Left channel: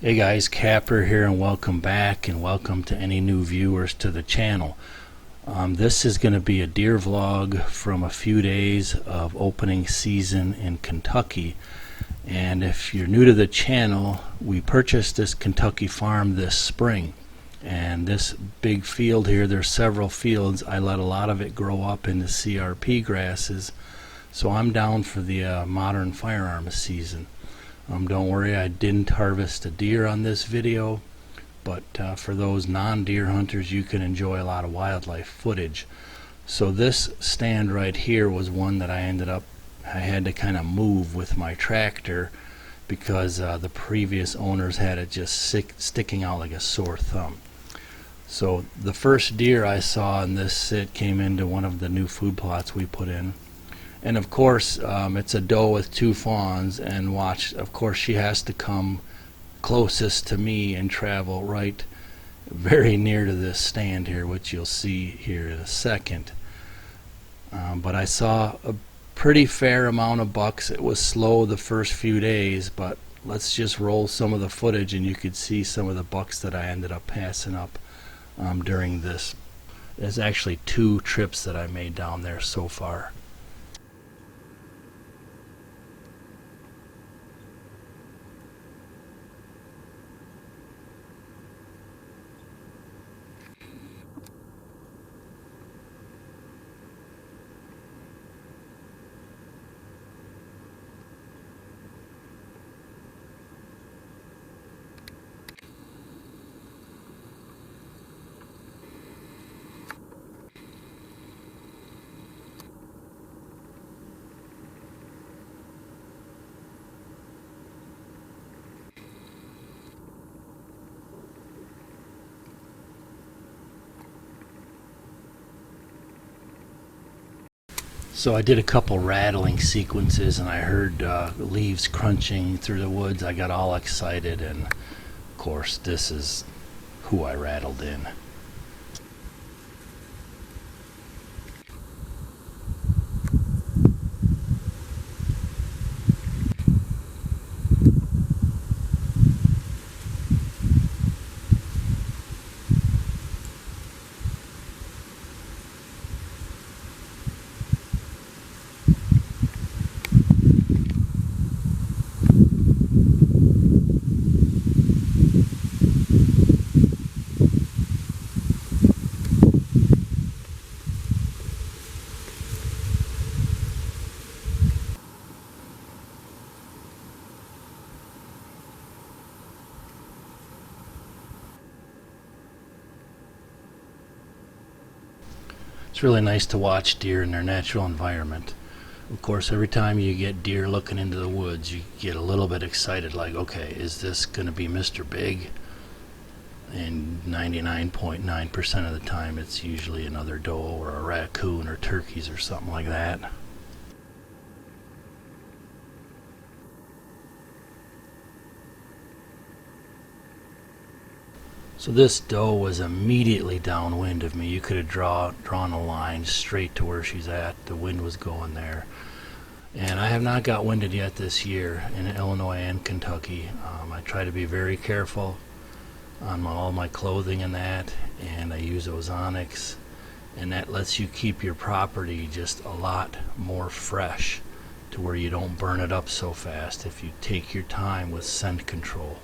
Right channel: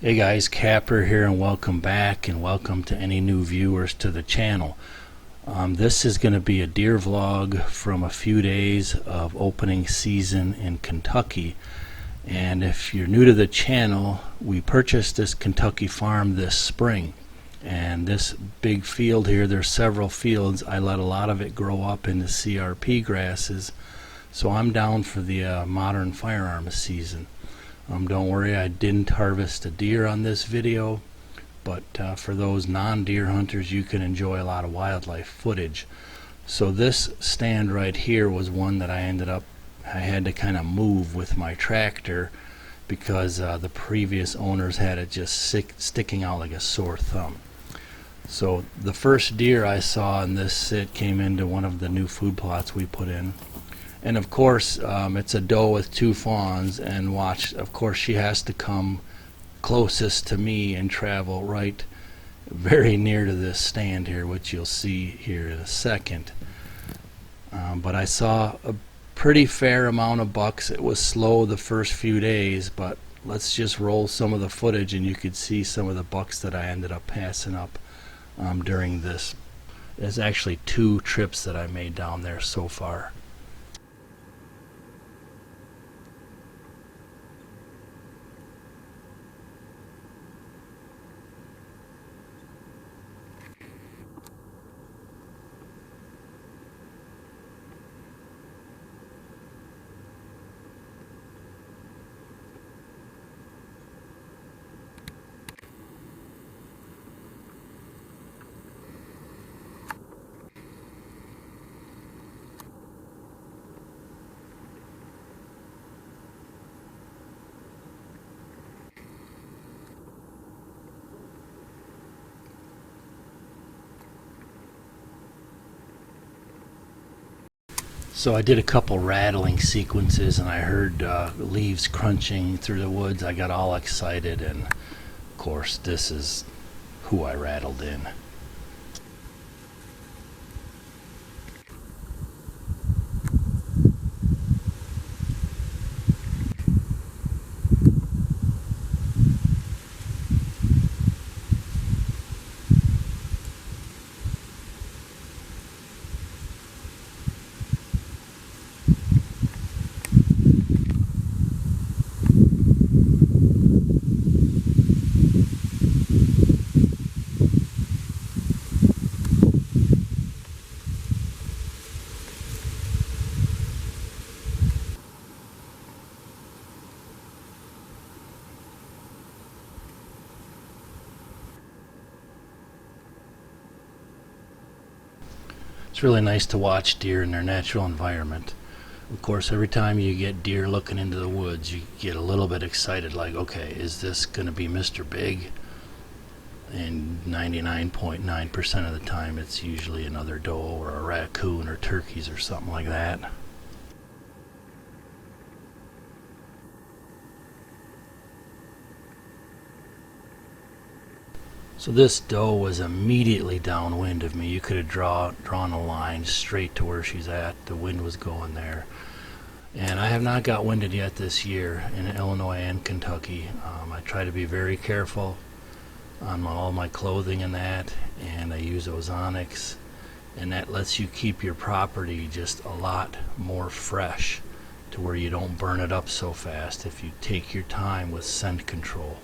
Hey guys, Kapper here and welcome back and welcome to any new viewers to the channel. This is going to be a deer vlog from a few days of opening season in Kentucky. And if you're new to the channel, we purchased this Kentucky farm this spring. And this big field here, there's several fields. I let a lot of it grow up into CRP grasses. So I'm down for the modern firearms season. Don't worry, I didn't harvest a deer on this video, but for those non-deer hunters, you can enjoy a lot of wildlife footage. So this stand right here was one that I had to kind of move with my tractor because the previous owners had it just sticking out like a sore thumb. So the first deer I saw in this sit came into one of the new food plots we put in. And of course, it's a doe with two fawns, and watch, of course she has to come closest to me and travel right very near to this stand here, which you'll see here in a second. But I saw a pretty fair amount of bucks. It was slow the first few days, but let's just roll some of the footage and you could see some of the bucks that I ended up passing up during this. There's actually 2 trips that I made down there so far. So I did a couple rattling sequences and I heard leaves crunching through the woods. I got all excited, and of course this is who I rattled in. It's really nice to watch deer in their natural environment. Of course, every time you get deer looking into the woods, you get a little bit excited, like, okay, is this going to be Mr. Big? And 99.9% of the time it's usually another doe or a raccoon or turkeys or something like that. So this doe was immediately downwind of me. You could have drawn a line straight to where she's at. The wind was going there. And I have not got winded yet this year in Illinois and Kentucky. I try to be very careful on all my clothing and that, and I use ozonics, and that lets you keep your property just a lot more fresh to where you don't burn it up so fast if you take your time with scent control.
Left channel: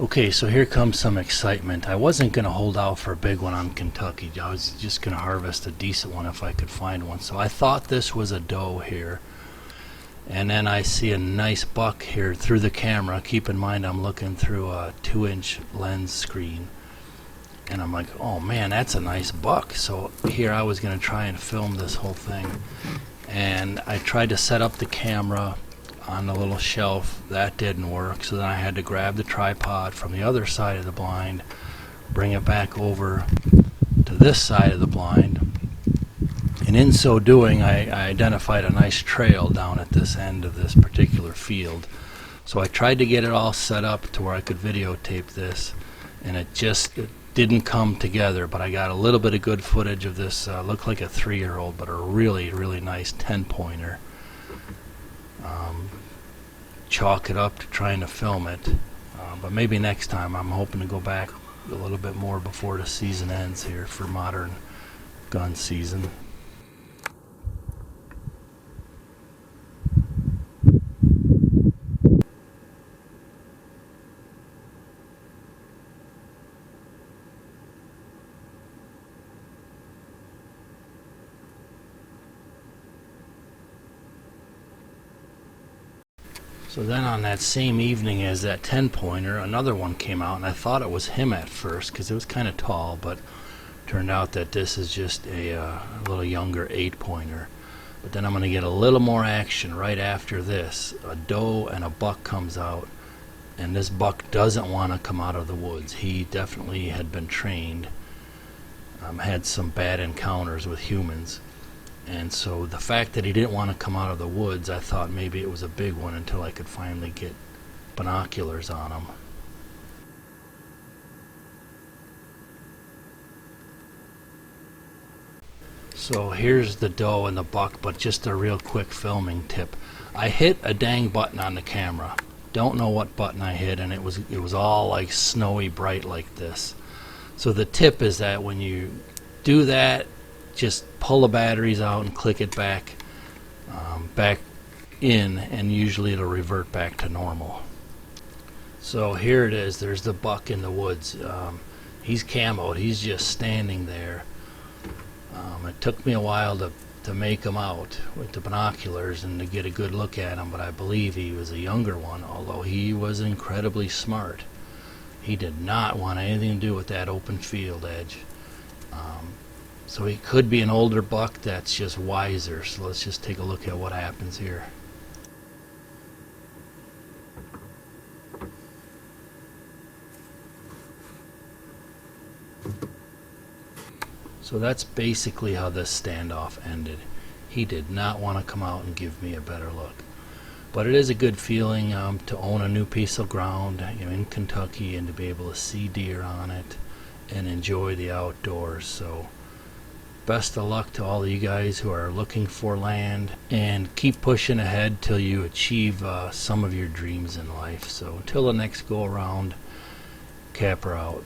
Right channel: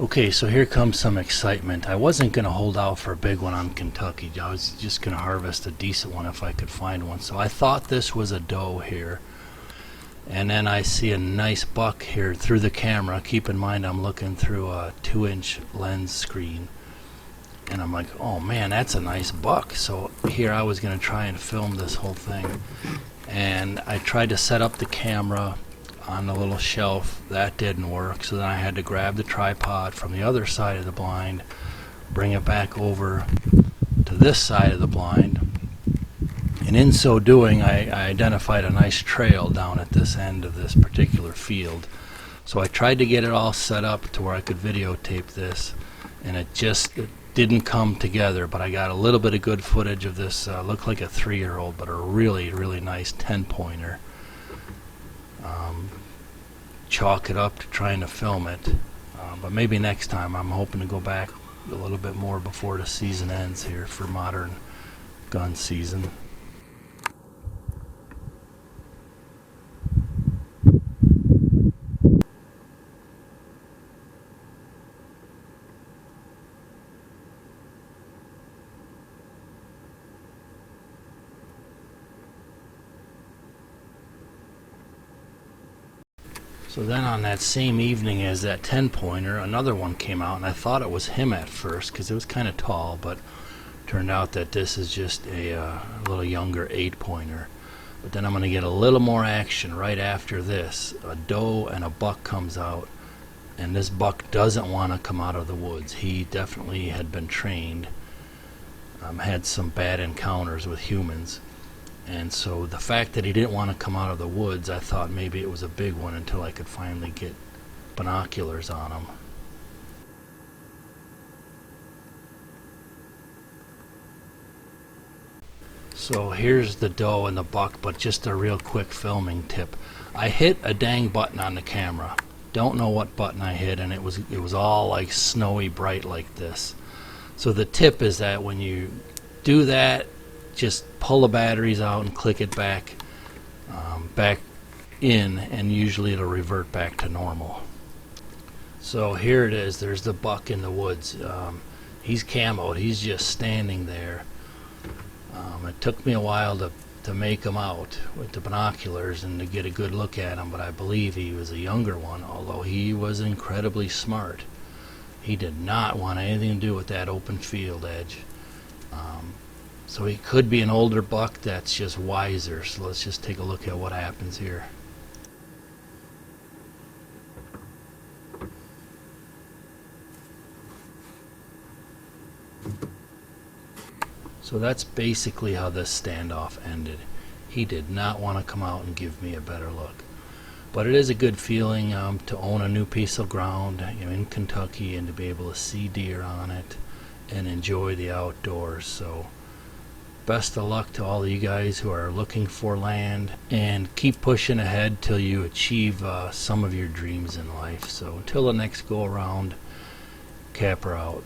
Okay, so here comes some excitement. I wasn't going to hold out for a big one on Kentucky. I was just going to harvest a decent one if I could find one. So I thought this was a doe here. And then I see a nice buck here through the camera. Keep in mind I'm looking through a 2-inch lens screen. And I'm like, oh man, that's a nice buck. So here I was going to try and film this whole thing. And I tried to set up the camera on the little shelf. That didn't work, so then I had to grab the tripod from the other side of the blind, bring it back over to this side of the blind. And in so doing, I identified a nice trail down at this end of this particular field. So I tried to get it all set up to where I could videotape this, and it didn't come together, but I got a little bit of good footage of this. Looked like a 3-year-old, but a really, really nice 10-pointer. Chalk it up to trying to film it, but maybe next time. I'm hoping to go back a little bit more before the season ends here for modern gun season. So then on that same evening as that 10-pointer, another one came out, and I thought it was him at first because it was kind of tall, but turned out that this is just a little younger 8-pointer. But then I'm going to get a little more action right after this. A doe and a buck comes out, and this buck doesn't want to come out of the woods. He definitely had been trained, had some bad encounters with humans. And so the fact that he didn't want to come out of the woods, I thought maybe it was a big one until I could finally get binoculars on him. So here's the doe and the buck, but just a real quick filming tip. I hit a dang button on the camera. Don't know what button I hit, and it was all like snowy bright like this. So the tip is that when you do that, just pull the batteries out and click it back in, and usually it'll revert back to normal. So here it is. There's the buck in the woods. He's camoed. He's just standing there. It took me a while to make him out with the binoculars and to get a good look at him, but I believe he was a younger one, although he was incredibly smart. He did not want anything to do with that open field edge. So he could be an older buck that's just wiser. So let's just take a look at what happens here. So that's basically how this standoff ended. He did not want to come out and give me a better look. But it is a good feeling to own a new piece of ground, in Kentucky, and to be able to see deer on it and enjoy the outdoors. So best of luck to all of you guys who are looking for land, and keep pushing ahead till you achieve some of your dreams in life. So until the next go around, Kapper out.